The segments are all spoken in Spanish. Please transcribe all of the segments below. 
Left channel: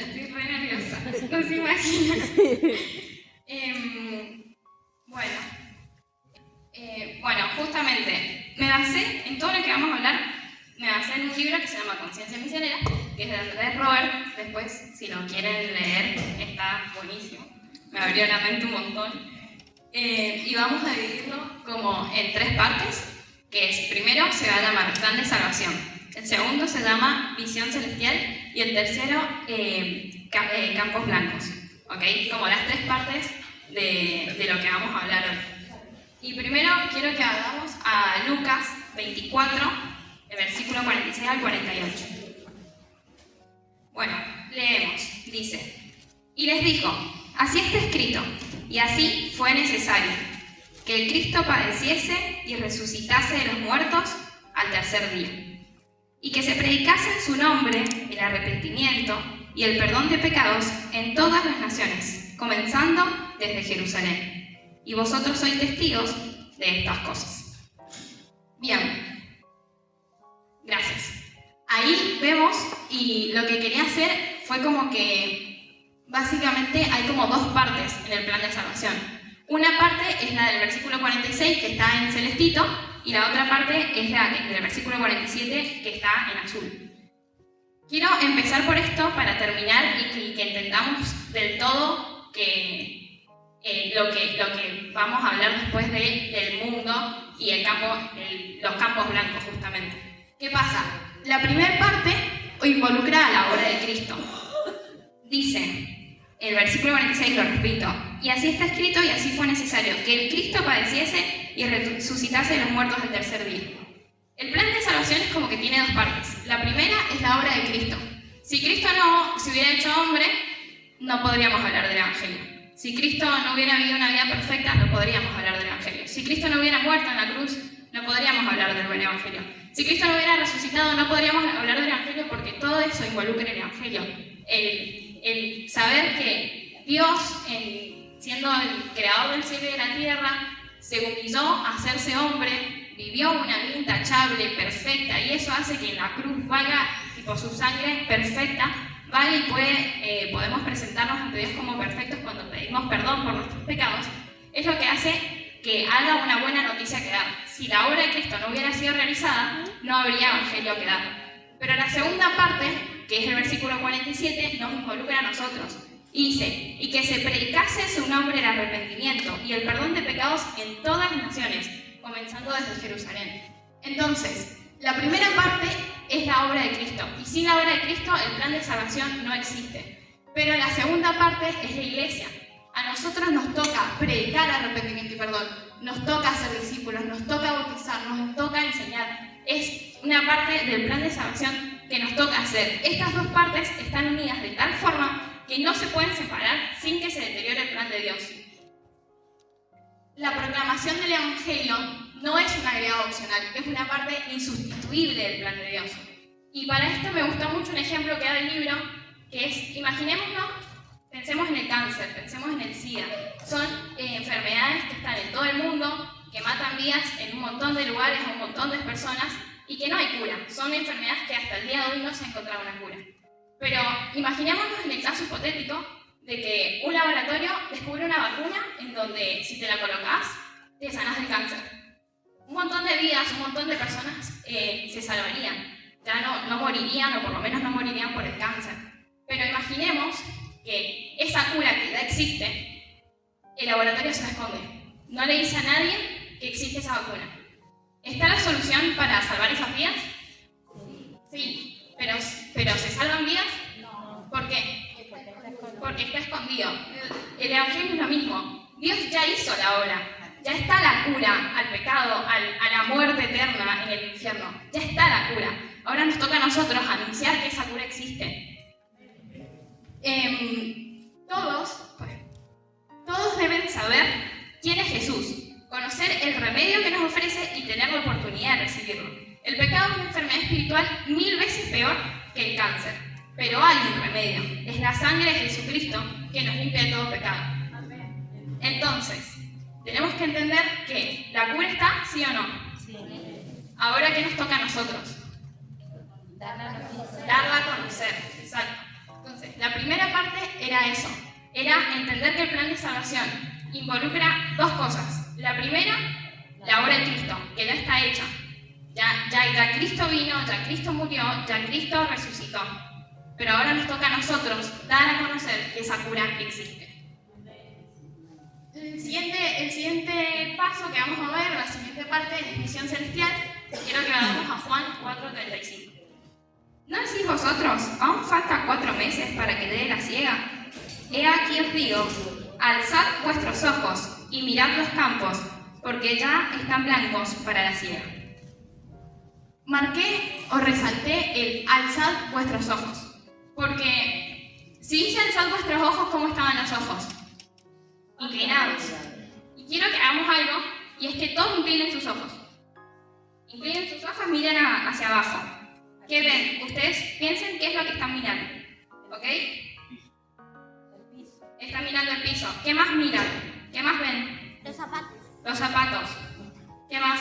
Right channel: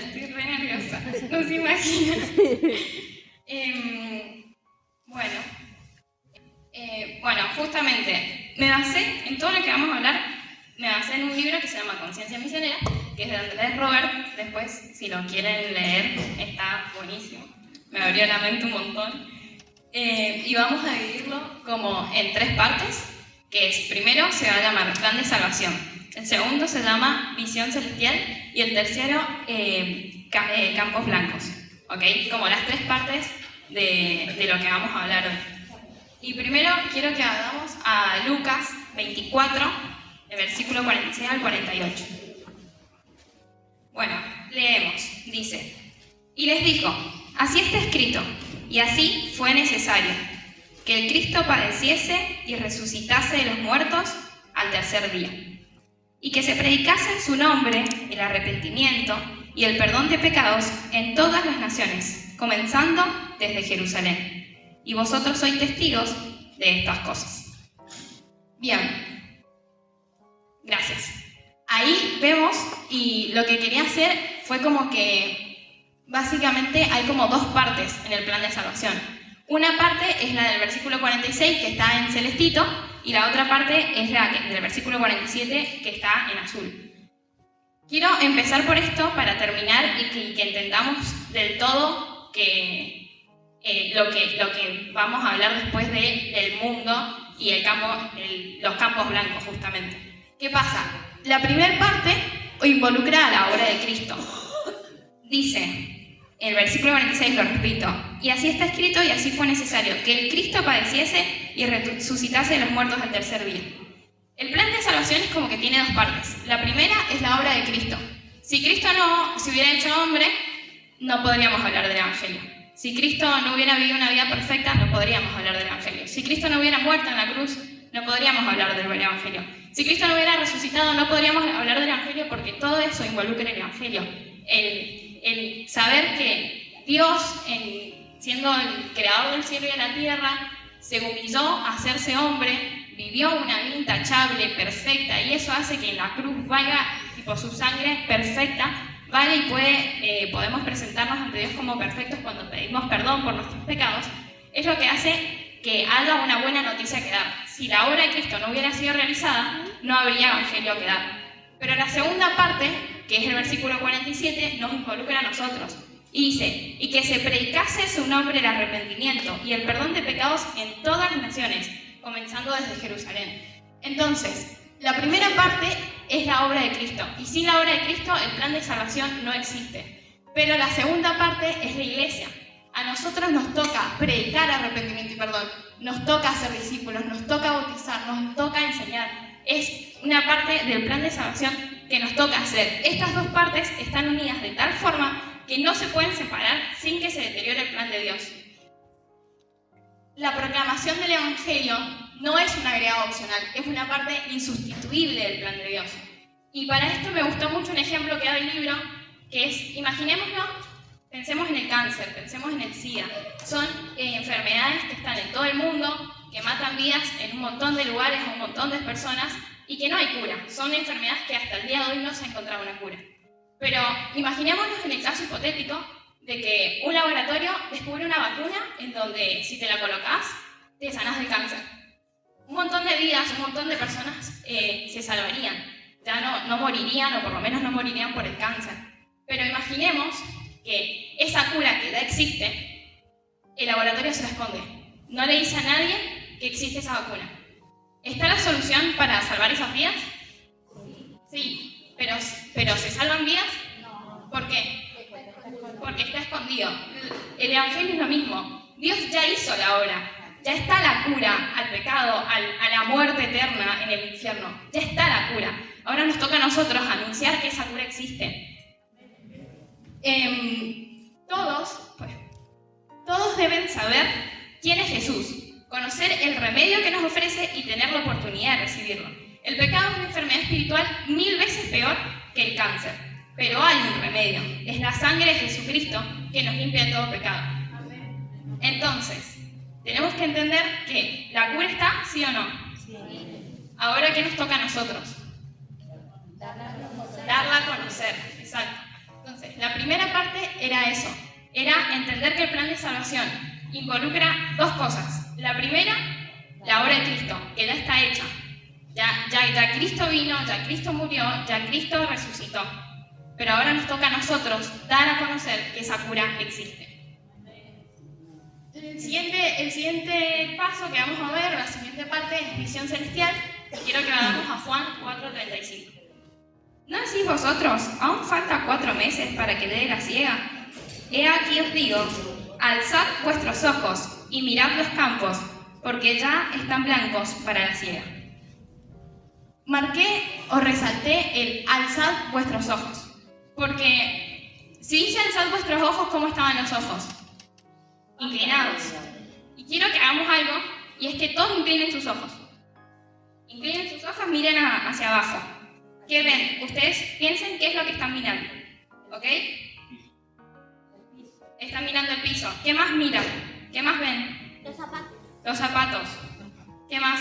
estoy re nerviosa, no se imaginan. Bueno, justamente, me basé en todo lo que vamos a hablar, me basé en un libro que se llama Conciencia Misionera, que es de Andrés Robert. Después, si lo quieren leer, está buenísimo. Me abrió la mente un montón. Y vamos a dividirlo como en 3 partes, que es, primero se va a llamar Plan de Salvación, el segundo se llama Visión Celestial y el tercero Campos Blancos, ¿ok? Como las 3 partes de lo que vamos a hablar hoy. Y primero quiero que hagamos a Lucas 24, el versículo 46 al 48. Bueno, leemos, dice: y les dijo, así está escrito, y así fue necesario, que el Cristo padeciese y resucitase de los muertos al tercer día, y que se predicase en su nombre el arrepentimiento y el perdón de pecados en todas las naciones, comenzando desde Jerusalén. Y vosotros sois testigos de estas cosas. Bien, gracias. Ahí vemos, y lo que quería hacer fue como que básicamente hay como 2 partes en el plan de salvación. Una parte es la del versículo 46, que está en celestito, y la otra parte es la del versículo 47, que está en azul. Quiero empezar por esto para terminar y que entendamos del todo que lo que vamos a hablar después del mundo y los campos blancos, justamente. ¿Qué pasa? La primera parte involucra a la obra de Cristo. Dice, el versículo 46, lo repito, y así está escrito y así fue necesario, que el Cristo padeciese y resucitase de los muertos al tercer día. El plan de salvación es como que tiene 2 partes. La primera es la obra de Cristo. Si Cristo no se hubiera hecho hombre, no podríamos hablar del Evangelio. Si Cristo no hubiera vivido una vida perfecta, no podríamos hablar del Evangelio. Si Cristo no hubiera muerto en la cruz, no podríamos hablar del Evangelio. Si Cristo no hubiera resucitado, no podríamos hablar del Evangelio, porque todo eso involucra el Evangelio. El saber que Dios, siendo el creador del cielo y de la tierra, se humilló a hacerse hombre, vivió una vida intachable, perfecta, y eso hace que la cruz valga, tipo su sangre perfecta, vale, y podemos presentarnos ante Dios como perfectos cuando pedimos perdón por nuestros pecados. Es lo que hace que haya una buena noticia que dar. Si la obra de Cristo no hubiera sido realizada, no habría evangelio que dar. Pero la segunda parte, que es el versículo 47, nos involucra a nosotros. Y dice, y que se predicase su nombre el arrepentimiento y el perdón de pecados en todas las naciones, comenzando desde Jerusalén. Entonces, la primera parte es la obra de Cristo, y sin la obra de Cristo el plan de salvación no existe. Pero la segunda parte es la iglesia. A nosotros nos toca predicar arrepentimiento y perdón, nos toca hacer discípulos, nos toca bautizar, nos toca enseñar. Es una parte del plan de salvación que nos toca hacer. Estas 2 partes están unidas de tal forma que no se pueden separar sin que se deteriore el plan de Dios. La proclamación del Evangelio no es un agregado opcional, es una parte insustituible del plan de Dios. Y para esto me gustó mucho un ejemplo que da el libro, que es, imaginémonos, pensemos en el cáncer, pensemos en el SIDA. Son enfermedades que están en todo el mundo, que matan vidas en un montón de lugares, a un montón de personas, y que no hay cura. Son enfermedades que hasta el día de hoy no se ha encontrado una cura. Pero imaginémonos en el caso hipotético de que un laboratorio descubre una vacuna en donde, si te la colocas, te sanas del cáncer. Un montón de vidas, un montón de personas se salvarían. Ya no morirían, o por lo menos no morirían por el cáncer. Pero imaginemos que esa cura que ya existe, el laboratorio se la esconde. No le dice a nadie que existe esa vacuna. ¿Está la solución para salvar esas vidas? Sí, pero ¿se salvan vidas? No. ¿Por qué? Porque está escondido. El Evangelio es lo mismo. Dios ya hizo la obra. Ya está la cura al pecado, a la muerte eterna en el infierno. Ya está la cura. Ahora nos toca a nosotros anunciar que esa cura existe. Todos deben saber quién es Jesús, conocer el remedio que nos ofrece y tener la oportunidad de recibirlo. El pecado es una enfermedad espiritual 1000 veces peor que el cáncer, pero hay un remedio. Es la sangre de Jesucristo que nos limpia de todo pecado. Entonces, tenemos que entender que la cura está, ¿sí o no? Sí. Ahora, ¿qué nos toca a nosotros? Darla a conocer. Exacto. Entonces, la primera parte era eso, era entender que el plan de salvación involucra dos cosas. La primera, la obra de Cristo, que ya está hecha. Ya Cristo vino, ya Cristo murió, ya Cristo resucitó. Pero ahora nos toca a nosotros dar a conocer que esa cura existe. El siguiente paso que vamos a ver, la siguiente parte de la misión celestial, quiero que vayamos a Juan 4:35. ¿No decís vosotros, aún falta 4 meses para que dé la siega? He aquí os digo, alzad vuestros ojos y mirad los campos, porque ya están blancos para la siega. Marqué o resalté el alzad vuestros ojos, porque si dice alzad vuestros ojos, ¿cómo estaban los ojos? Inclinados. Y quiero que hagamos algo, y es que todos inclinen sus ojos. Inclinen sus ojos, miren hacia abajo. ¿Qué ven? Ustedes piensen qué es lo que están mirando. ¿Ok? Están mirando el piso. ¿Qué más miran? ¿Qué más ven? Los zapatos. Los zapatos. ¿Qué más?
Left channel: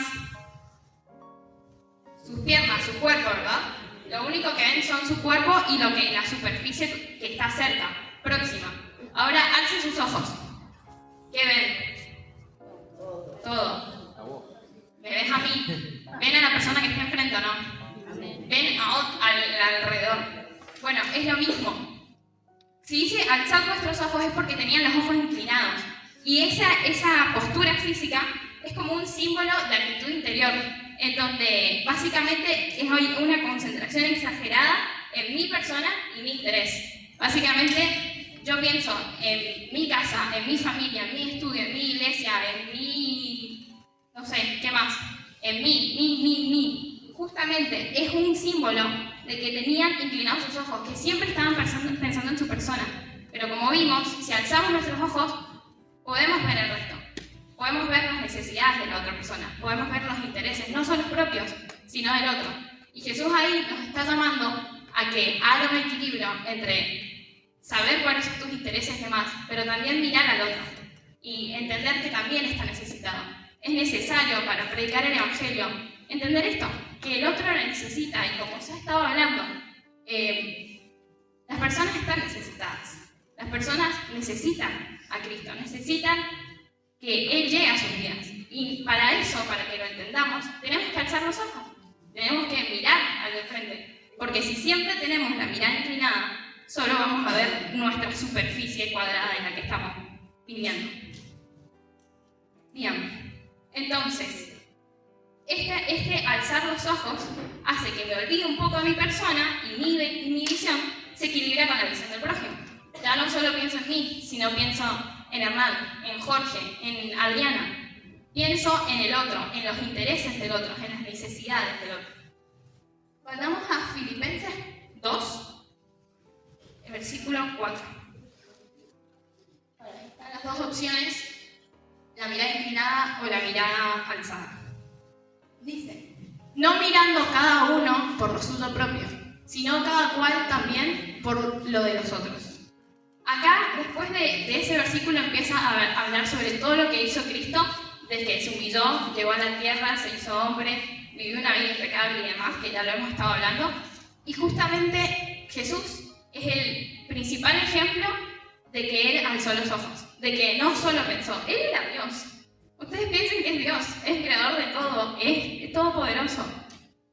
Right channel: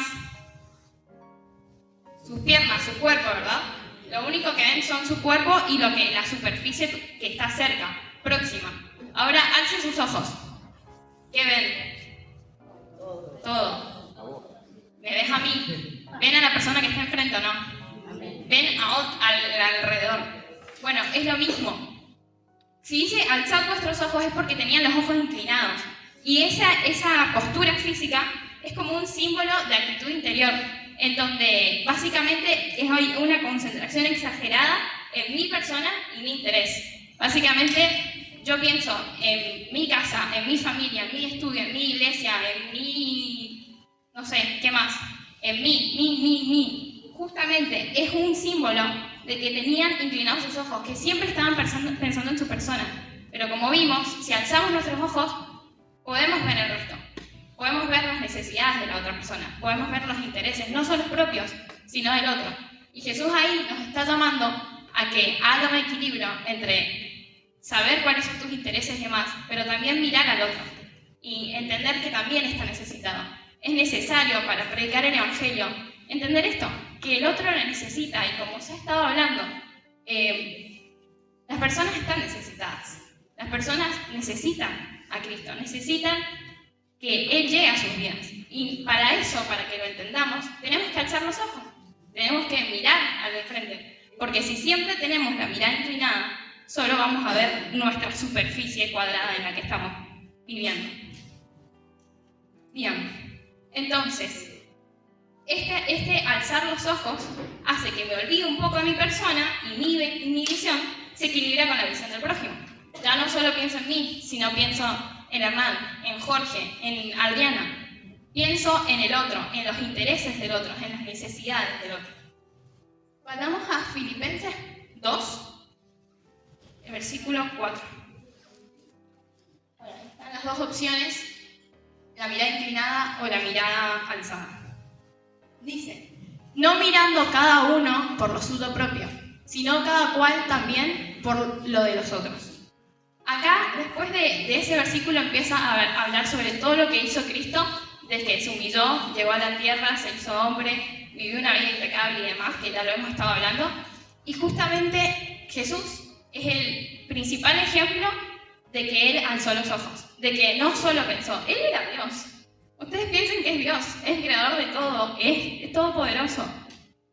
Sus piernas, su cuerpo, ¿verdad? Lo único que ven son su cuerpo y la superficie que está cerca, próxima. Ahora alcen sus ojos. ¿Qué ven? Todo. ¿Me ves a mí? ¿Ven a la persona que está enfrente o no? ¿Ven al alrededor? Bueno, es lo mismo. Si dice alzad vuestros ojos es porque tenían los ojos inclinados. Y esa postura física es como un símbolo de actitud interior, en donde básicamente es una concentración exagerada en mi persona y mi interés. Básicamente yo pienso en mi casa, en mi familia, en mi estudio, en mi iglesia, en mi... no sé, ¿qué más? En mí. Justamente es un símbolo de que tenían inclinados sus ojos, que siempre estaban pensando en su persona. Pero como vimos, si alzamos nuestros ojos, podemos ver el resto. Podemos ver las necesidades de la otra persona, podemos ver los intereses, no solo propios, sino del otro. Y Jesús ahí nos está llamando a que haya un equilibrio entre saber cuáles son tus intereses y demás, pero también mirar al otro y entender que también está necesitado. Es necesario para predicar el Evangelio entender esto, que el otro lo necesita, y como se ha estado hablando, las personas están necesitadas. Las personas necesitan a Cristo, necesitan que Él llegue a sus vidas. Y para eso, para que lo entendamos, tenemos que alzar los ojos, tenemos que mirar al de frente, porque si siempre tenemos la mirada inclinada, solo vamos a ver nuestra superficie cuadrada en la que estamos viviendo. Bien, entonces, este alzar los ojos hace que me olvide un poco de mi persona y mi visión se equilibra con la visión del prójimo. Ya no solo pienso en mí, sino pienso en Hernán, en Jorge, en Adriana. Pienso en el otro, en los intereses del otro, en las necesidades del otro. Vayamos a Filipenses 2, el versículo 4. Están las dos opciones, la mirada inclinada o la mirada alzada. Dice, no mirando cada uno por lo suyo propio, sino cada cual también por lo de los otros. Acá, después de ese versículo, empieza a hablar sobre todo lo que hizo Cristo, desde que se humilló, llegó a la tierra, se hizo hombre, vivió una vida impecable y demás, que ya lo hemos estado hablando. Y justamente Jesús es el principal ejemplo de que Él alzó los ojos, de que no solo pensó, Él era Dios. Ustedes piensen que es Dios, es el creador de todo, es todopoderoso.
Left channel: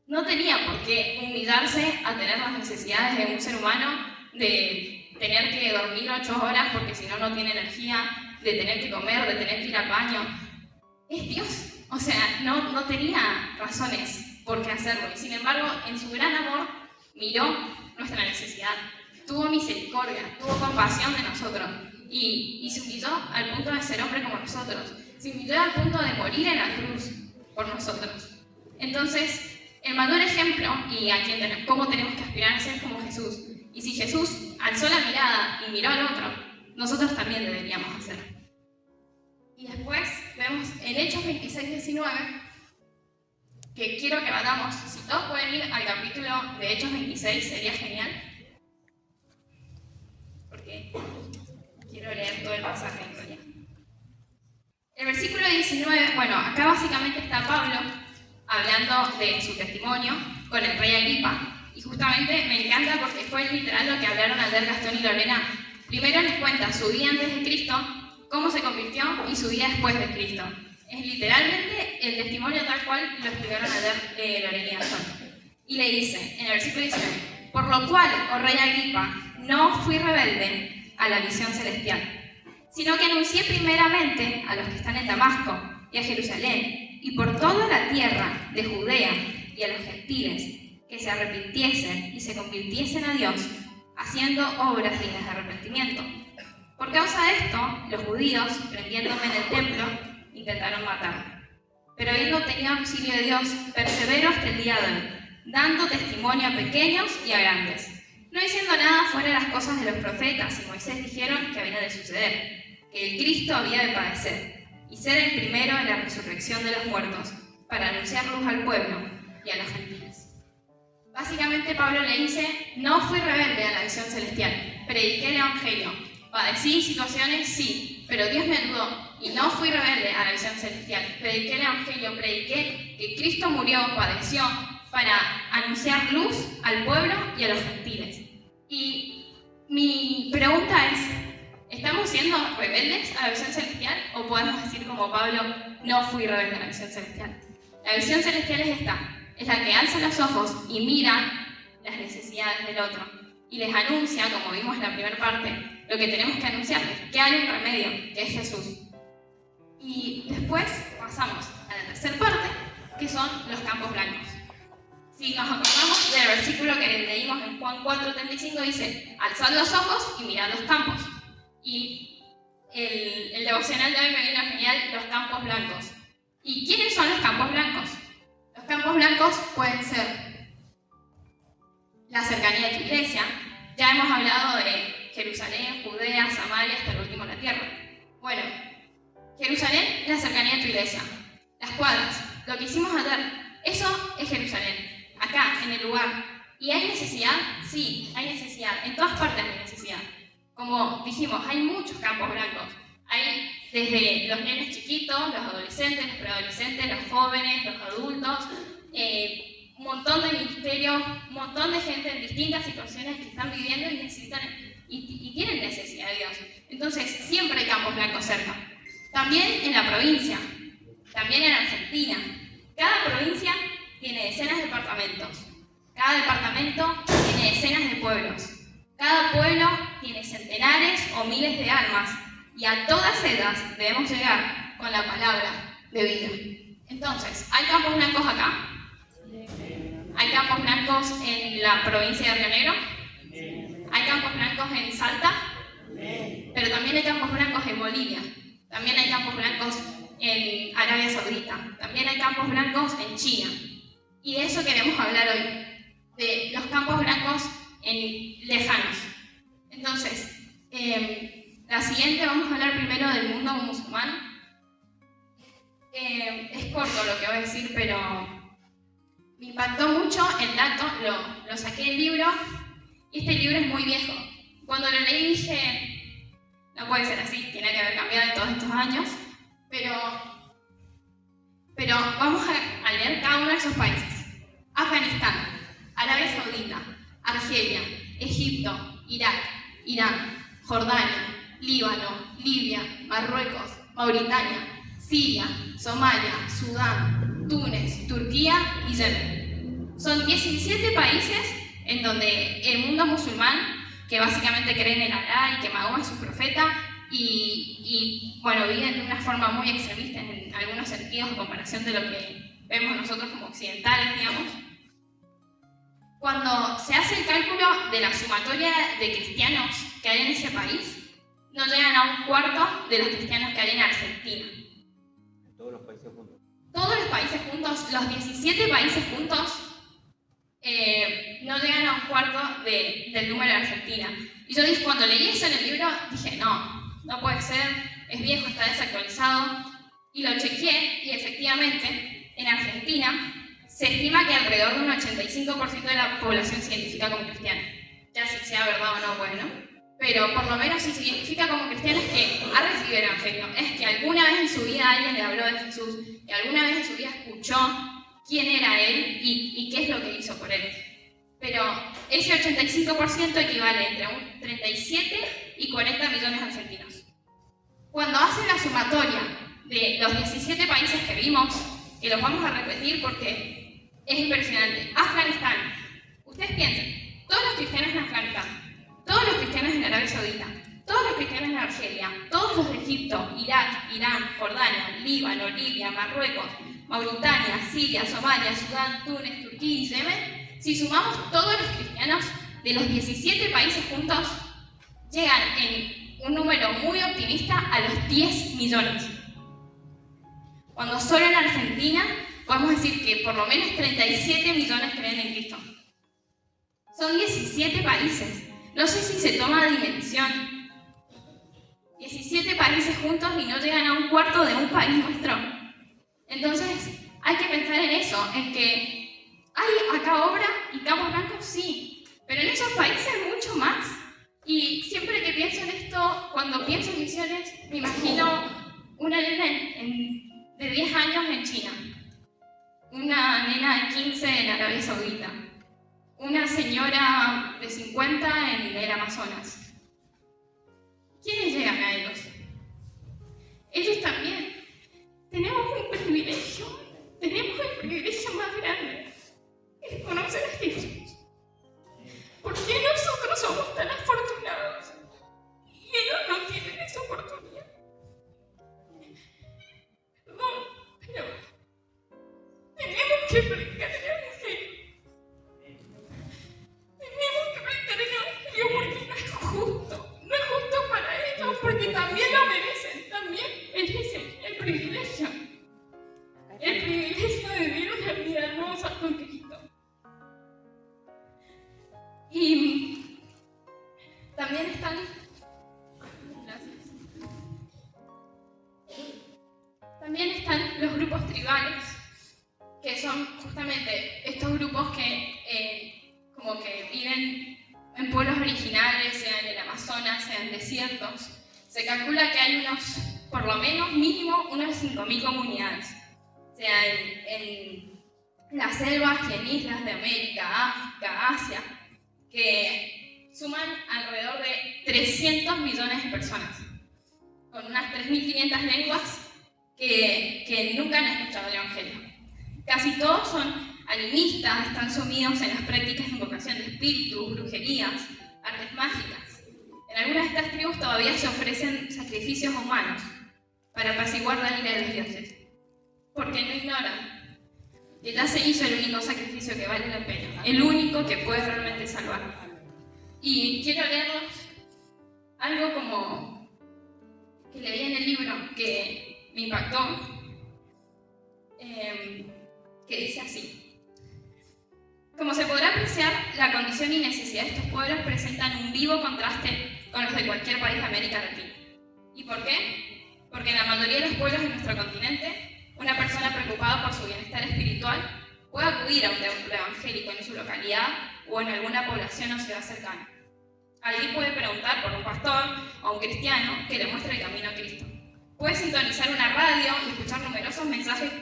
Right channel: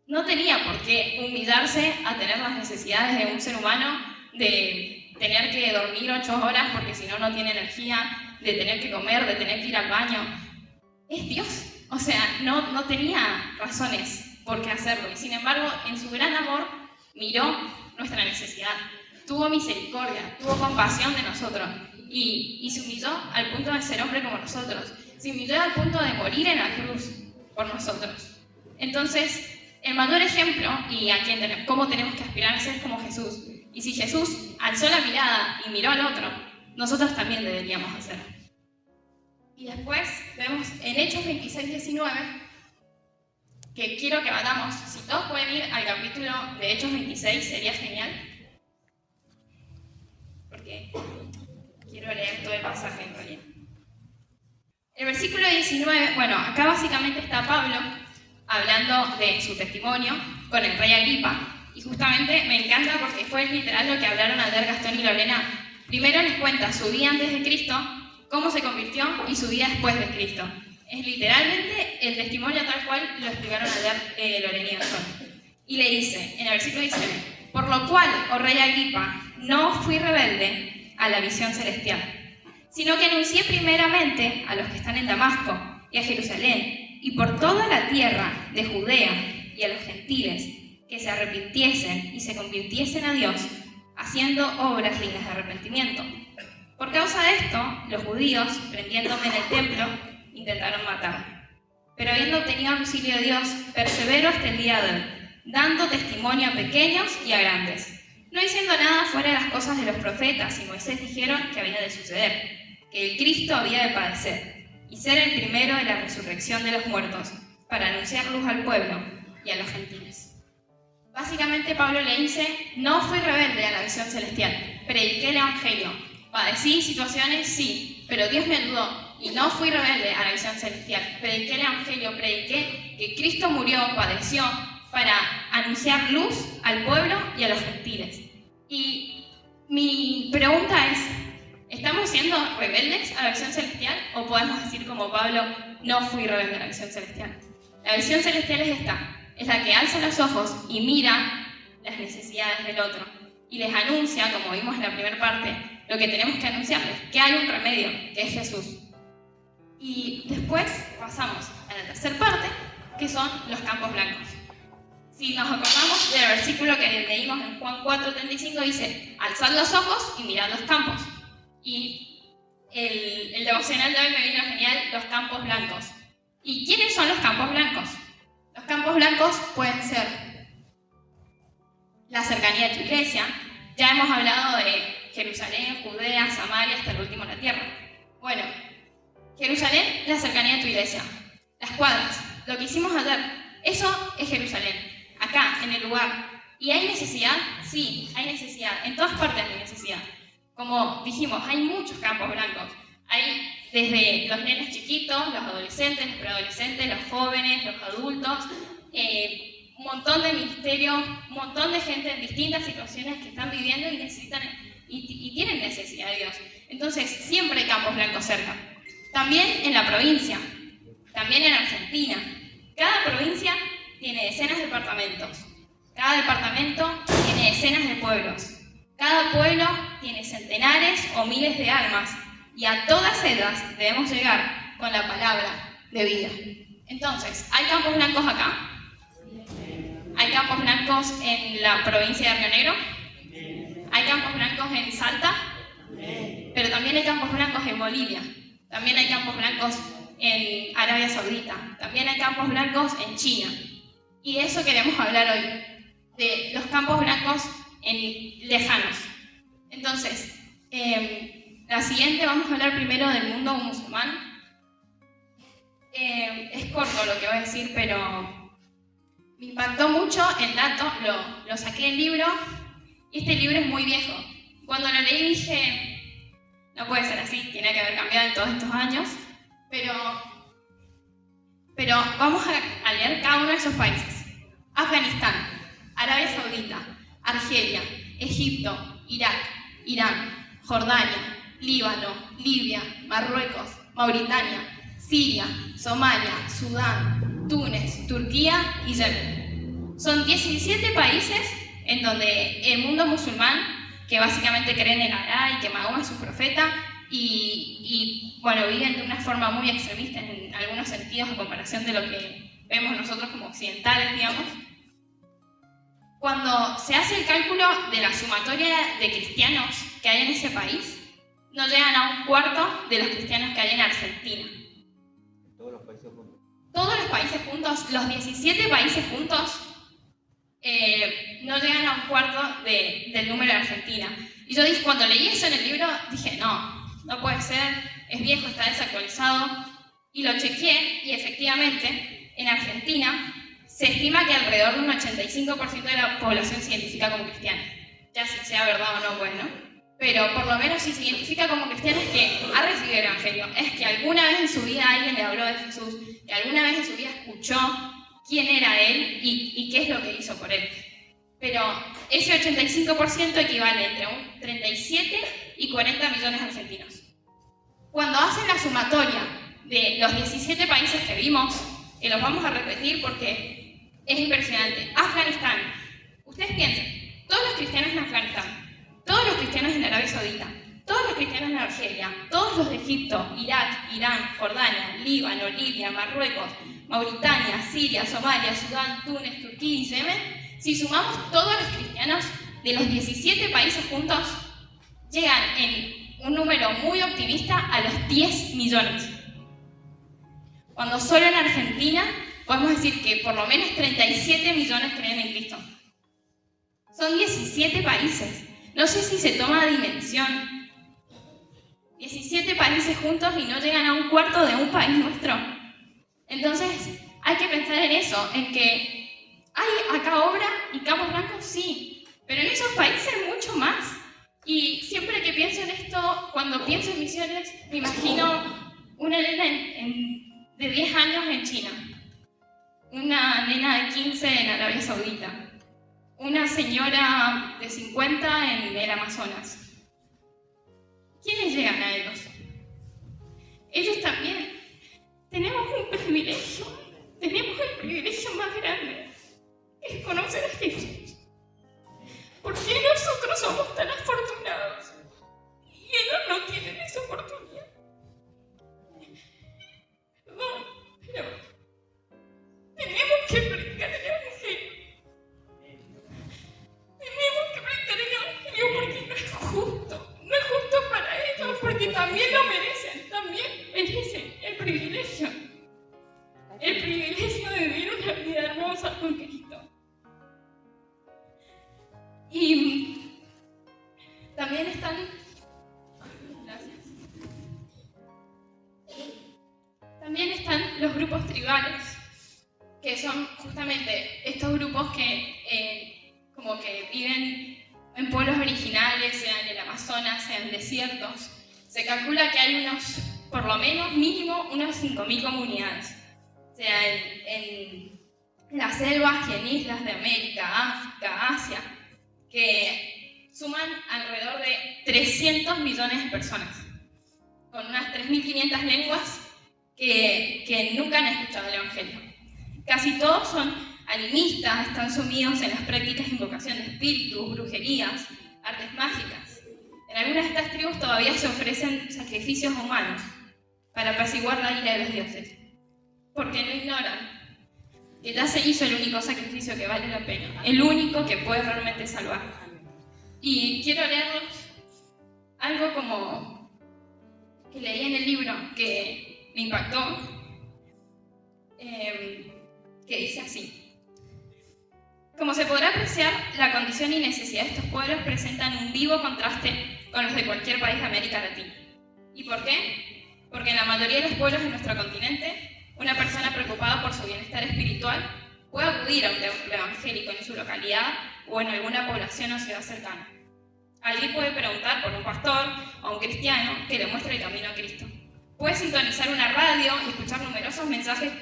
No tenía por qué humillarse a tener las necesidades de un ser humano, de tener que dormir 8 horas porque si no, no tiene energía, de tener que comer, de tener que ir al baño. Es Dios, o sea, no tenía razones por qué hacerlo. Y sin embargo, en su gran amor, miró nuestra necesidad, tuvo misericordia, tuvo compasión de nosotros y se humilló al punto de ser hombre como nosotros. Se humilló al punto de morir en la cruz por nosotros. Entonces, el mayor ejemplo y cómo tenemos que aspirar a ser como Jesús. Y si Jesús alzó la mirada y miró al otro, nosotros también deberíamos hacerlo. Y después vemos en Hechos 26-19, que quiero que vayamos, si todos pueden ir al capítulo de Hechos 26, sería genial, porque quiero leer todo el pasaje en realidad. El versículo 19, bueno, acá básicamente está Pablo hablando de su testimonio con el rey Agripa Y justamente me encanta porque fue literal lo que hablaron al ver Gastón y Lorena. Primero les cuenta su vida antes de Cristo, cómo se convirtió y su vida después de Cristo. Es literalmente el testimonio tal cual lo escribieron al ver Lorena y Gastón. Y le dice, en el versículo 19, por lo cual, oh rey Agripa, no fui rebelde a la visión celestial, sino que anuncié primeramente a los que están en Damasco y a Jerusalén, y por toda la tierra de Judea y a los gentiles, que se arrepintiesen y se convirtiesen a Dios, haciendo obras dignas de arrepentimiento. Por causa de esto, los judíos, prendiéndome en el templo, intentaron matarme. Pero habiendo obtenido auxilio de Dios, persevero hasta el día de hoy, dando testimonio a pequeños y a grandes, no diciendo nada fuera de las cosas de los profetas y Moisés dijeron que había de suceder, que el Cristo había de padecer, y ser el primero en la resurrección de los muertos, para anunciar luz al pueblo y a los gentiles. Básicamente Pablo le dice, no fui rebelde a la visión celestial, prediqué el Evangelio, padecí situaciones, sí, pero Dios me ayudó y no fui rebelde a la visión celestial, prediqué el Evangelio, prediqué que Cristo murió, padeció, para anunciar luz al pueblo y a los gentiles. Y mi pregunta es, ¿estamos siendo rebeldes a la visión celestial o podemos decir como Pablo, no fui rebelde a la visión celestial? La visión celestial es esta. Es la que alza los ojos y mira las necesidades del otro y les anuncia, como vimos en la primera parte, lo que tenemos que anunciarles, que hay un remedio, que es Jesús. Y después pasamos a la tercera parte, que son los campos blancos. Si nos acordamos del versículo que leímos en Juan 4:35, dice, alzad los ojos y mirad los campos. Y el devocional de hoy me vino genial, los campos blancos. ¿Y quiénes son los campos blancos? Los campos blancos pueden ser la cercanía de tu iglesia. Ya hemos hablado de Jerusalén, Judea, Samaria, hasta el último en la tierra. Bueno, Jerusalén es la cercanía de tu iglesia. Las cuadras, lo que hicimos ayer, eso es Jerusalén, acá, en el lugar. ¿Y hay necesidad? Sí, hay necesidad. En todas partes hay necesidad. Como dijimos, hay muchos campos blancos. Hay desde los nenes chiquitos, los adolescentes, los preadolescentes, los jóvenes, los adultos, un montón de ministerios, un montón de gente en distintas situaciones que están viviendo y necesitan y tienen necesidad de Dios. Entonces, siempre hay campos blancos cerca. También en la provincia, también en Argentina. Cada provincia tiene decenas de departamentos. Cada departamento tiene decenas de pueblos. Cada pueblo tiene centenares o miles de almas. Y a todas ellas debemos llegar con la palabra de vida. Entonces, ¿hay campos blancos acá? ¿Hay campos blancos en la provincia de Río Negro? ¿Hay campos blancos en Salta? Pero también hay campos blancos en Bolivia. También hay campos blancos en Arabia Saudita. También hay campos blancos en China. Y de eso queremos hablar hoy, de los campos blancos lejanos. Entonces, la siguiente vamos a hablar primero del mundo musulmán. Es corto lo que voy a decir, pero me impactó mucho el dato, lo saqué del libro, y este libro es muy viejo. Cuando lo leí dije, no puede ser así, tiene que haber cambiado en todos estos años, pero vamos a leer cada uno de esos países. Afganistán, Arabia Saudita, Argelia, Egipto, Irak, Irán, Jordania, Líbano, Libia, Marruecos, Mauritania, Siria, Somalia, Sudán, Túnez, Turquía y Yemen. Son 17 países en donde el mundo musulmán, que básicamente creen en Alá y que Mahoma es su profeta, y bueno, viven de una forma muy extremista en algunos sentidos en comparación de lo que vemos nosotros como occidentales, digamos. Cuando se hace el cálculo de la sumatoria de cristianos que hay en ese país, no llegan a un cuarto de los cristianos que hay en Argentina. ¿Todos los países juntos? Todos los países juntos, los 17 países juntos, no llegan a un cuarto del número de Argentina. Y yo dije, cuando leí eso en el libro, dije, no puede ser, es viejo, está desactualizado. Y lo chequeé y efectivamente, en Argentina, se estima que alrededor de un 85% de la población se identifica como cristiana. Ya si sea verdad o no, pues no. Pero por lo menos si se identifica como cristiano es que ha recibido el Evangelio, es que alguna vez en su vida alguien le habló de Jesús, que alguna vez en su vida escuchó quién era Él y qué es lo que hizo por Él. pero ese 85% equivale entre un 37 y 40 millones de argentinos. Cuando hacen la sumatoria de los 17 países que vimos, y los vamos a repetir porque es impresionante, Afganistán, ustedes piensen, todos los cristianos en Afganistán, todos los cristianos en Arabia Saudita, todos los cristianos en Argelia, todos los de Egipto, Irak, Irán, Jordania, Líbano, Libia, Marruecos, Mauritania, Siria, Somalia, Sudán, Túnez, Turquía y Yemen, si sumamos todos los cristianos de los 17 países juntos, llegan en un número muy optimista a los 10 millones. Cuando solo en Argentina podemos decir que por lo menos 37 millones creen en Cristo. Son 17 países. No sé si se toma dimensión. 17 países juntos y no llegan a un cuarto de un país nuestro. Entonces, hay que pensar en eso, en que hay acá obra y Cabo Blanco sí, pero en esos países mucho más. Y siempre que pienso en esto, cuando pienso en misiones, me imagino una nena de 10 años en China, una nena de 15 en Arabia Saudita, una señora de 50 en el Amazonas. ¿Quiénes llegan a ellos? Ellos también. Tenemos un privilegio, tenemos el privilegio más grande, es conocer a Jesús. ¿Por qué nosotros somos tan afortunados y ellos no tienen esa oportunidad? No, pero tenemos que predicar el Evangelio. Tenemos que predicar el Evangelio porque no es justo. No es justo para ellos porque también lo merecen. También merecen el privilegio. El privilegio de vivir una vida hermosa con Cristo. Y también están... Gracias. También están los grupos tribales, que son justamente estos grupos que como que viven en pueblos originarios, sea en el Amazonas, sea en desiertos. Se calcula que hay por lo menos mínimo unas 5.000 comunidades, sea en las selvas y en islas de América, África, Asia, que suman alrededor de 300 millones de personas, con unas 3.500 lenguas que nunca han escuchado el Evangelio. Casi todos son animistas, están sumidos en las prácticas de invocación de espíritus, brujerías, artes mágicas. En algunas de estas tribus todavía se ofrecen sacrificios humanos para apaciguar la ira de los dioses, porque no ignoran que ya se hizo el único sacrificio que vale la pena, el único que puede realmente salvar. Y quiero leerles algo como que leí en el libro que me impactó, que dice así: como se podrá apreciar, la condición y necesidad de estos pueblos presentan un vivo contraste con los de cualquier país de América Latina. ¿Y por qué? Porque en la mayoría de los pueblos de nuestro continente, una persona preocupada por su bienestar espiritual puede acudir a un templo evangélico en su localidad o en alguna población o ciudad cercana. Allí puede preguntar por un pastor o un cristiano que le muestre el camino a Cristo. Puede sintonizar una radio y escuchar numerosos mensajes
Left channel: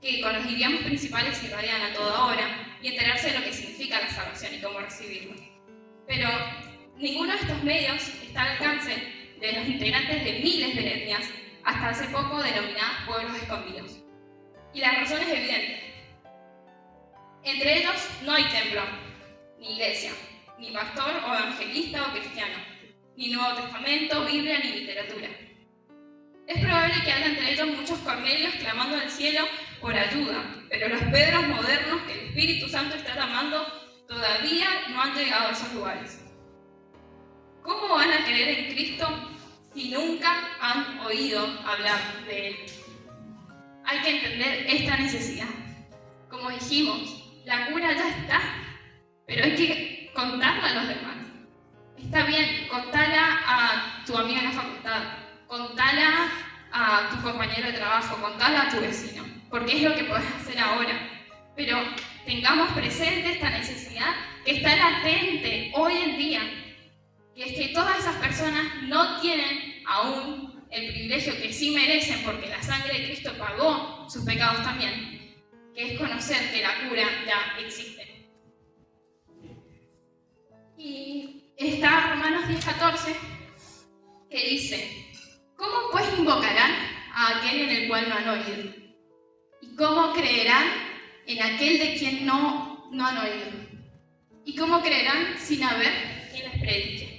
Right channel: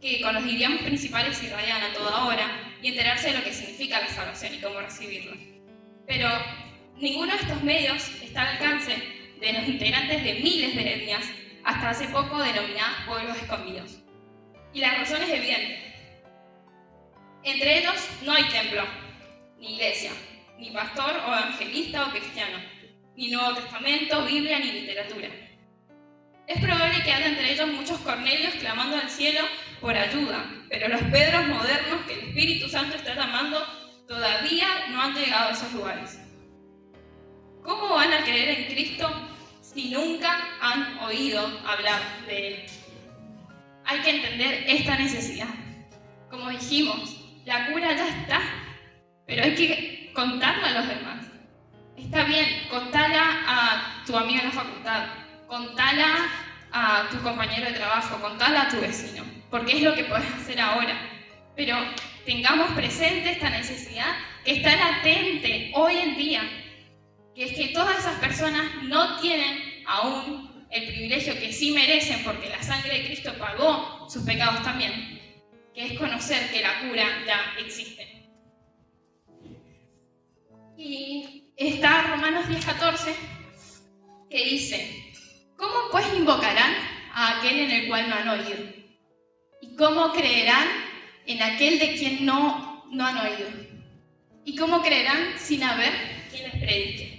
que con los idiomas principales se irradian a toda hora y enterarse de lo que significa la salvación y cómo recibirlo. Pero ninguno de estos medios está al alcance de los integrantes de miles de etnias, hasta hace poco denominadas pueblos escondidos. Y la razón es evidente. Entre ellos no hay templo, ni iglesia, ni pastor o evangelista o cristiano, ni Nuevo Testamento, Biblia, ni literatura. Es probable que haya entre ellos muchos Cornelios clamando al cielo por ayuda, pero los Pedros modernos que el Espíritu Santo está llamando todavía no han llegado a esos lugares. ¿Cómo van a creer en Cristo si nunca han oído hablar de Él? Hay que entender esta necesidad. Como dijimos, la cura ya está, pero hay que contarla a los demás. Está bien, contala a tu amigo en la facultad, contala a tu compañero de trabajo, contala a tu vecino, porque es lo que podés hacer ahora. Pero tengamos presente esta necesidad que está latente hoy en día, que es que todas esas personas no tienen aún el privilegio que sí merecen, porque la sangre de Cristo pagó sus pecados también, que es conocer que la cura ya existe. Y está Romanos 10:14, que dice: ¿cómo pues invocarán a aquel en el cual no han oído? ¿Y cómo creerán en aquel de quien no han oído? ¿Y cómo creerán sin haber quien les predique?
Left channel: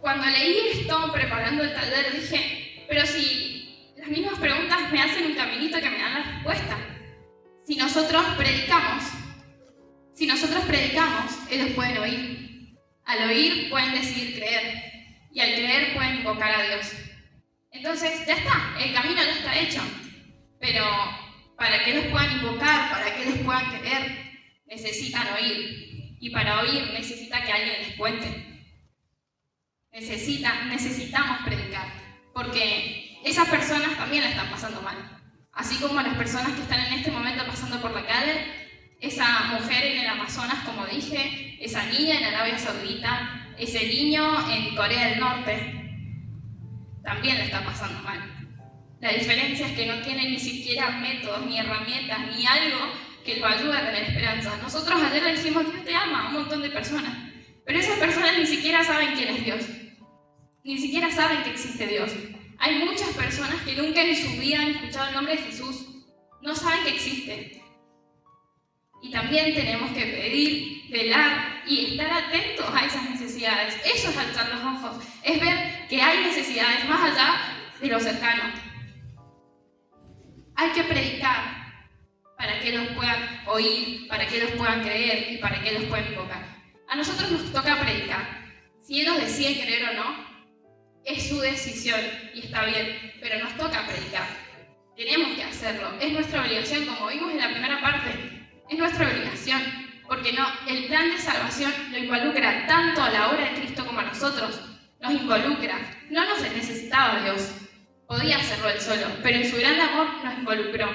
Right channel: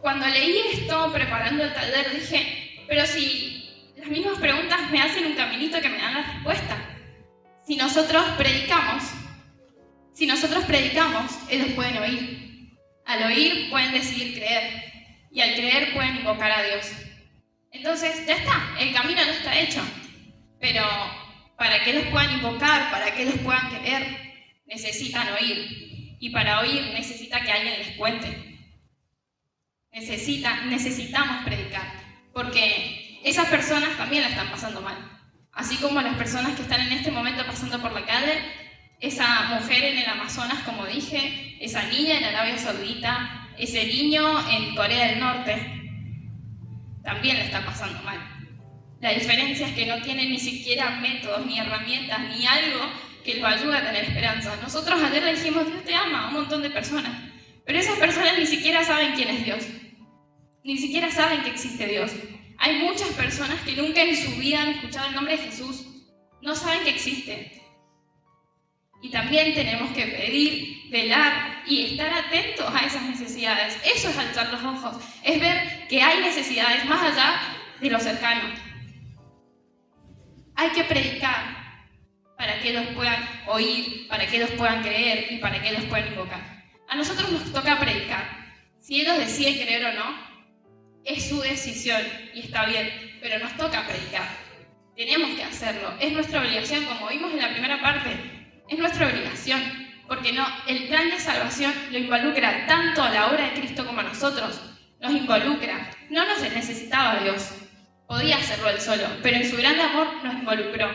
Cuando leí esto preparando el taller dije, pero si las mismas preguntas me hacen un caminito que me dan la respuesta. Si nosotros predicamos, ellos pueden oír. Al oír pueden decidir creer. Y al creer pueden invocar a Dios. Entonces ya está, el camino ya está hecho. Pero para que ellos puedan invocar, para que ellos puedan creer, necesitan oír. Y para oír necesita que alguien les cuente. Necesitamos predicar. Porque esas personas también la están pasando mal. Así como las personas que están en este momento pasando por la calle, esa mujer en el Amazonas, como dije, esa niña en Arabia Saudita, ese niño en Corea del Norte, también la está pasando mal. La diferencia es que no tienen ni siquiera métodos, ni herramientas, ni algo que lo ayude a tener esperanza. Nosotros ayer le dijimos, Dios te ama a un montón de personas, pero esas personas ni siquiera saben quién es Dios. Ni siquiera saben que existe Dios. Hay muchas personas que nunca en su vida han escuchado el nombre de Jesús. No saben que existe. Y también tenemos que pedir, velar y estar atentos a esas necesidades. Eso es alzar los ojos. Es ver que hay necesidades más allá de lo cercano. Hay que predicar para que ellos puedan oír, para que ellos puedan creer y para que ellos puedan invocar. A nosotros nos toca predicar. Si ellos deciden creer o no, es su decisión y está bien, pero nos toca predicar. Tenemos que hacerlo. Es nuestra obligación, como vimos en la primera parte. Es nuestra obligación, porque el plan de salvación lo involucra tanto a la obra de Cristo como a nosotros. Nos involucra. No nos necesitaba Dios. Podía hacerlo Él solo, pero en su gran amor nos involucró,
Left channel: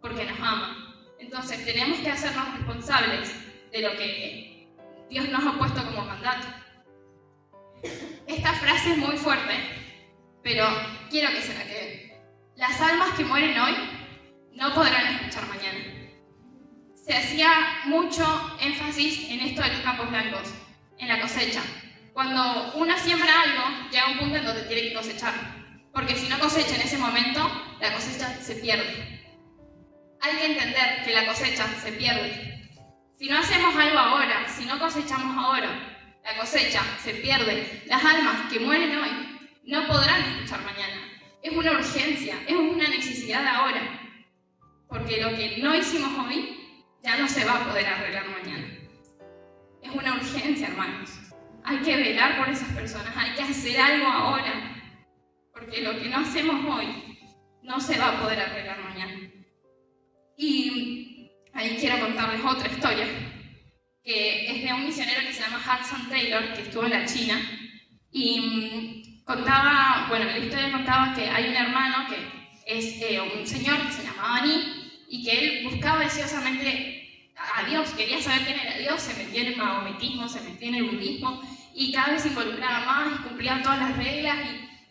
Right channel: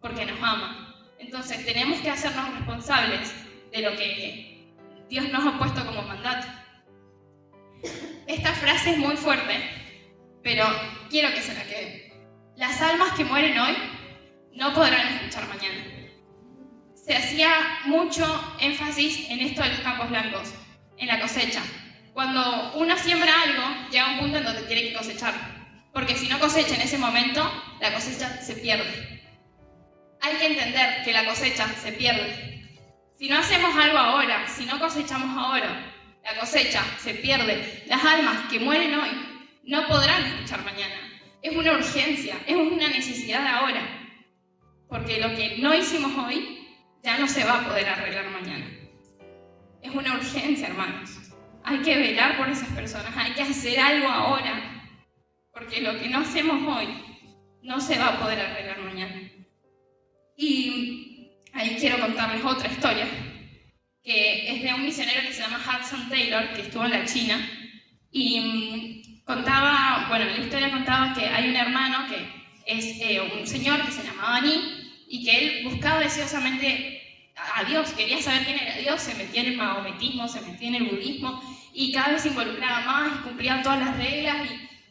porque nos ama. Entonces tenemos que hacernos responsables de lo que Dios nos ha puesto como mandato. Esta frase es muy fuerte, pero quiero que se la queden. Las almas que mueren hoy no podrán escuchar mañana. Se hacía mucho énfasis en esto de los campos blancos, en la cosecha. Cuando uno siembra algo, llega un punto en donde tiene que cosechar, porque si no cosecha en ese momento, la cosecha se pierde. Hay que entender que la cosecha se pierde. Si no hacemos algo ahora, si no cosechamos ahora, la cosecha se pierde. Las almas que mueren hoy no podrán escuchar mañana. Es una urgencia, es una necesidad ahora, porque lo que no hicimos hoy ya no se va a poder arreglar mañana. Es una urgencia, hermanos. Hay que velar por esas personas, hay que hacer algo ahora, porque lo que no hacemos hoy no se va a poder arreglar mañana. Y ahí quiero contarles otra historia, que es de un misionero que se llama Hudson Taylor, que estuvo en la China, y la historia contaba que hay un hermano que es un señor que se llamaba Ni, y que él buscaba deseosamente a Dios, quería saber quién era Dios, se metía en el maometismo, se metía en el budismo, y cada vez se involucraba más, y cumplía todas las reglas,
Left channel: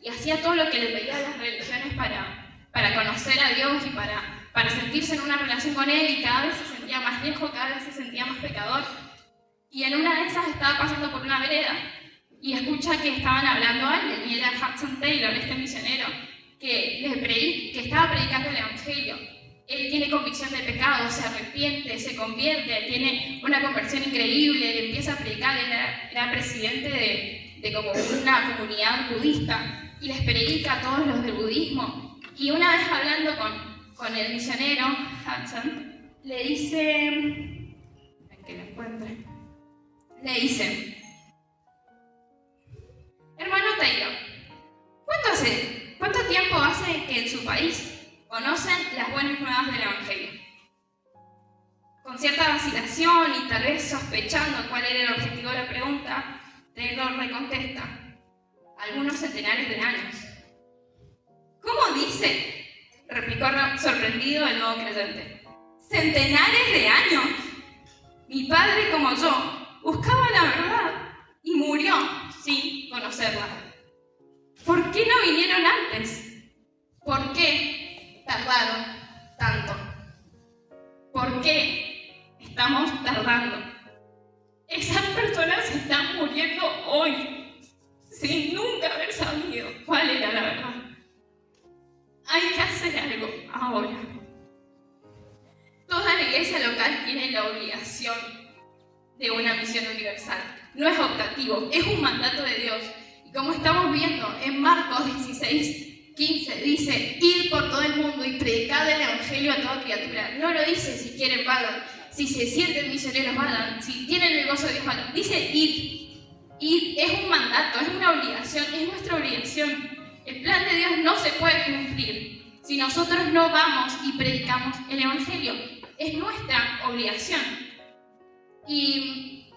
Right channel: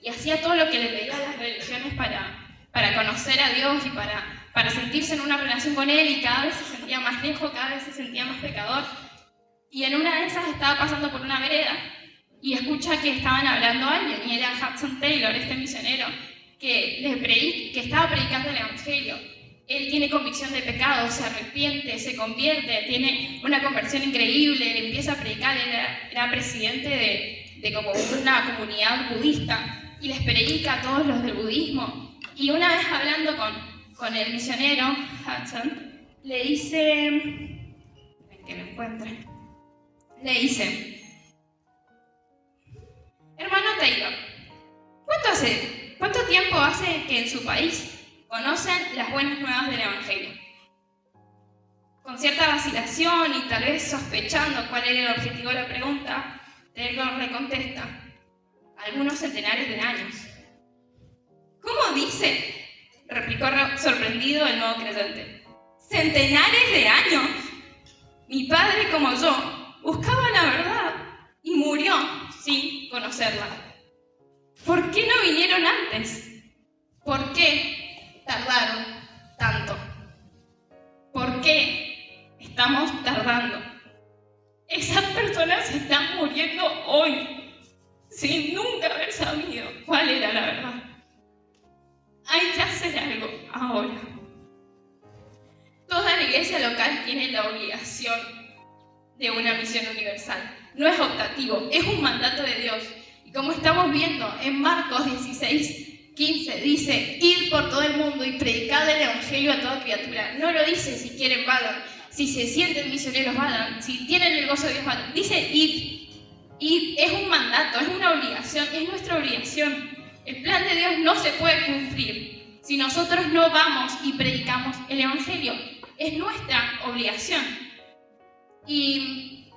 y hacía todo lo que le pedían las religiones para conocer a Dios y para sentirse en una relación con Él, y cada vez se sentía más lejos, cada vez se sentía más pecador. Y en una de esas estaba pasando por una vereda, y escucha que estaban hablando a alguien, y era Hudson Taylor, este misionero, que estaba predicando el Evangelio. Él tiene convicción de pecado, se arrepiente, se convierte, tiene una conversión increíble, él empieza a predicar, él era presidente de como una comunidad budista, y les predica a todos los del budismo. Y una vez hablando con el misionero, Hudson, le dice, que lo encuentre, le dice, hermano Taylor, ¿cuánto tiempo hace que en su país conocen las buenas nuevas del Evangelio? Con cierta vacilación y tal vez sospechando cuál era el objetivo de la pregunta, Taylor le contesta, algunos centenares de años. ¿Cómo dice?, replicó sorprendido el nuevo creyente. ¡Centenares de años! Mi padre, como yo, buscaba la verdad y murió sin conocerla. ¿Por qué no vinieron antes? ¿Por qué tardaron tanto? ¿Por qué estamos tardando. Esas personas están muriendo hoy, sin nunca haber sabido cuál era la verdad. Hay que hacer algo ahora. Toda la iglesia local tiene la obligación de una misión universal. No es optativo, es un mandato de Dios. Y como estamos viendo en Marcos 16:15, dice: id por todo el mundo y predicad el evangelio a toda criatura. No lo dice si quieren vagan, si se sienten misioneros vagan, si tienen el gozo de Dios vagan. Dice id. Id es un mandato, es una obligación, es nuestra obligación. El plan de Dios no se puede cumplir si nosotros no vamos y predicamos el evangelio. Es nuestra obligación. Y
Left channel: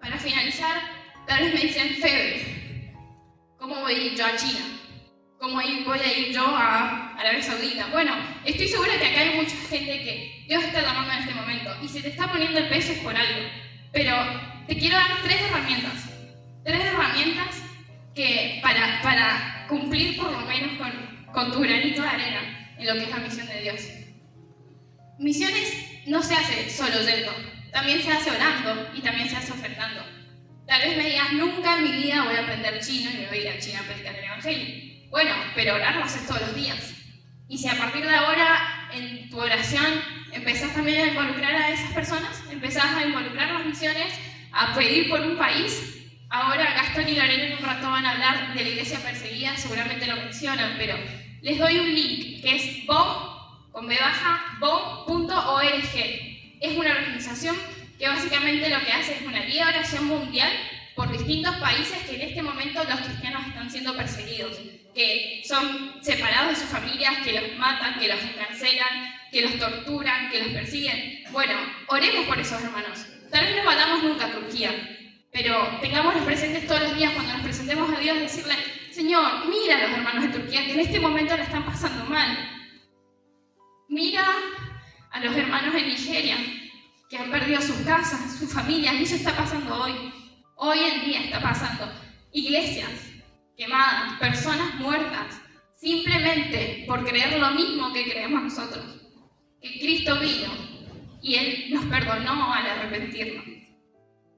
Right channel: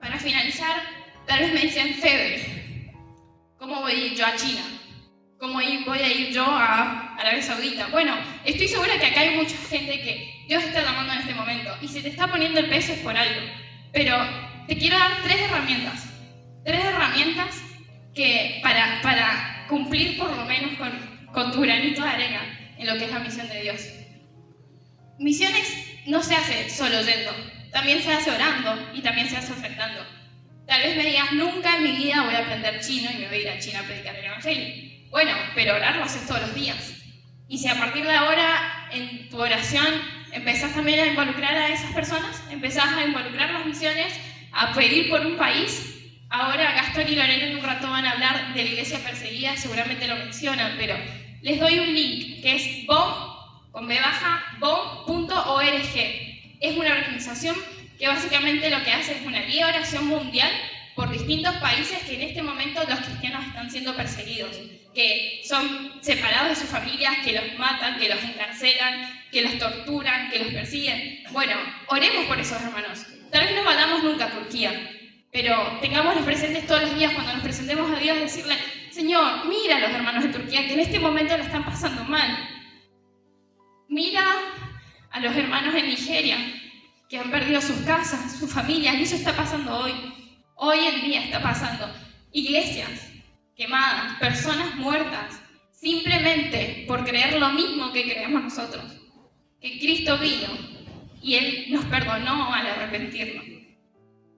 para finalizar, tal vez me dicen: Febe, ¿cómo voy a ir yo a China? ¿Cómo voy a ir yo a Arabia Saudita? Bueno, estoy segura que acá hay mucha gente que Dios está llamando en este momento y se te está poniendo el peso por algo. Pero te quiero dar 3 herramientas. 3 herramientas que para cumplir por lo menos con tu granito de arena en lo que es la misión de Dios. Misiones no se hace solo yendo, también se hace orando y también se hace ofertando. Tal vez me digas: nunca en mi vida voy a aprender chino y me voy a ir a China a predicar el evangelio. Bueno, pero orar lo haces todos los días. Y si a partir de ahora en tu oración empezás también a involucrar a esas personas, empezás a involucrar las misiones, a pedir por un país. Ahora Gastón y Lorena en un rato van a hablar de la iglesia perseguida, seguramente lo mencionan, pero les doy un link que es bom.org. Es una organización que básicamente lo que hace es una guía de oración mundial por distintos países que en este momento los cristianos están siendo perseguidos, que son separados de sus familias, que los matan, que los encarcelan, que los torturan, que los persiguen. Bueno, oremos por esos hermanos. Tal vez no vayamos nunca a Turquía, pero tengámoslos presentes todos los días cuando nos presentemos a Dios, decirle: Señor, mira a los hermanos de Turquía que en este momento la están pasando mal. Mira a los hermanos en Nigeria que han perdido sus casas, sus familias, y eso está pasando hoy. Hoy en día está pasando. Iglesias quemadas, personas muertas, simplemente por creer lo mismo que creemos nosotros. Que Cristo vino y Él nos perdonó al arrepentirnos.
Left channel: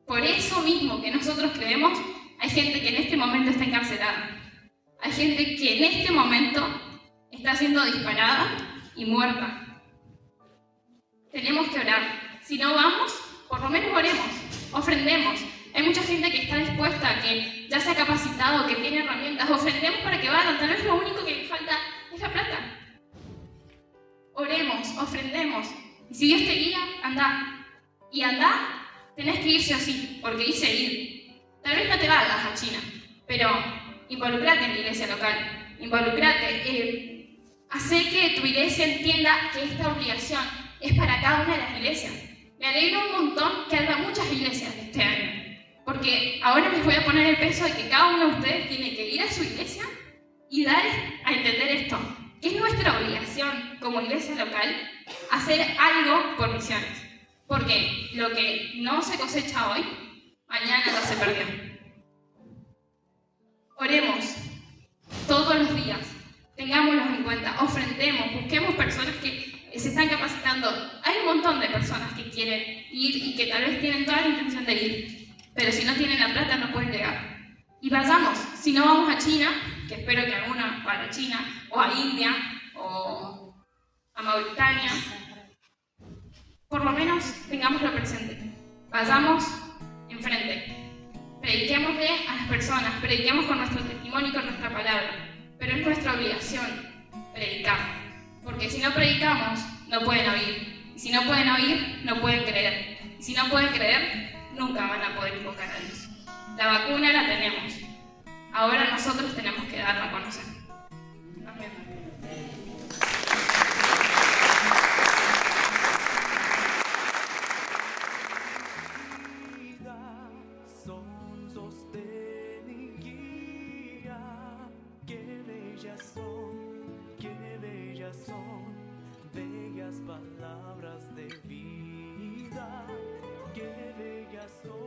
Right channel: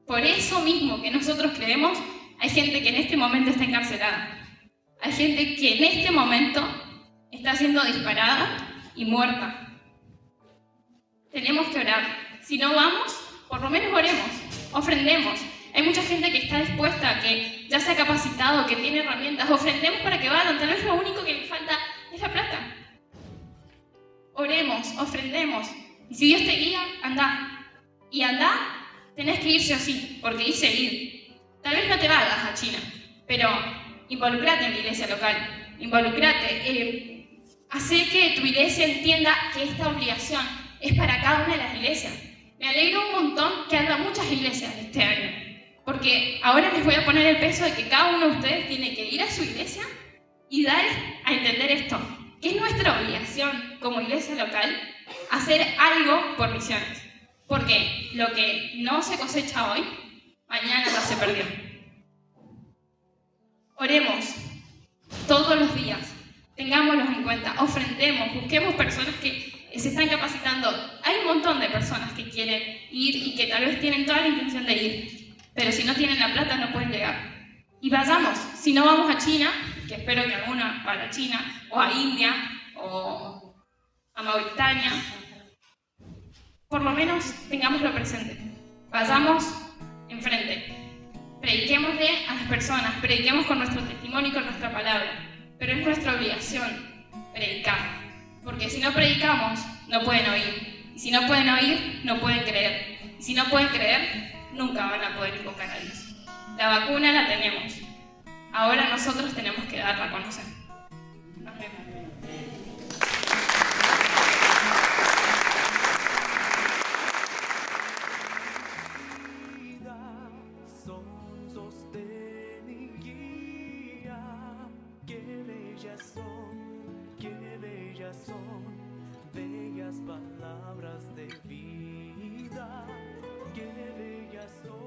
Por eso mismo que nosotros creemos, hay gente que en este momento está encarcelada. Hay gente que en este momento está siendo disparada y muerta. Tenemos que orar. Si no vamos, por lo menos oremos, ofrendemos. Hay mucha gente que está dispuesta, que ya se ha capacitado, que tiene herramientas. Ofrendemos para que vayan. Tal vez lo único que le falta es la plata. Oremos, ofrendemos. Y si Dios te guía, anda. Y anda, tenés que ir sí o sí, porque dice ir. Tal vez no te vayas a China, pero involucrate en la iglesia local. Involucrate. Hacer que tu iglesia entienda que esta obligación es para cada una de las iglesias. Me alegro un montón que haya muchas iglesias este año, porque ahora les voy a poner el peso de que cada uno de ustedes tiene que ir a su iglesia y dar a entender esto, que es nuestra obligación como iglesia local hacer algo por misiones, porque lo que no se cosecha hoy, mañana ya se perdió. Oremos todos los días, tengámoslos en cuenta, ofrendemos, busquemos personas que se están capacitando. Hay un montón de personas que quieren ir y que tal vez tienen toda la intención de ir, pero si no tienen la plata no pueden llegar. Y vayamos, si no vamos a China, que espero que alguna vaya a China, o a India, o a Mauritania, por lo menos tengámoslo presente. Vayamos enfrente. Prediquémosle a las personas, prediquemos con nuestro testimonio y con nuestra palabra, pero es nuestra obligación predicar. Porque si no predicamos, no pueden oír. Y si no pueden oír, no pueden creer. Y si no pueden creer, nunca van a poder invocar a Dios. La vacuna la tenemos. Ahora nosotros tenemos que darla a conocer. Son sostén y guía. Qué bellas son, bellas palabras de vida. Qué bellas son.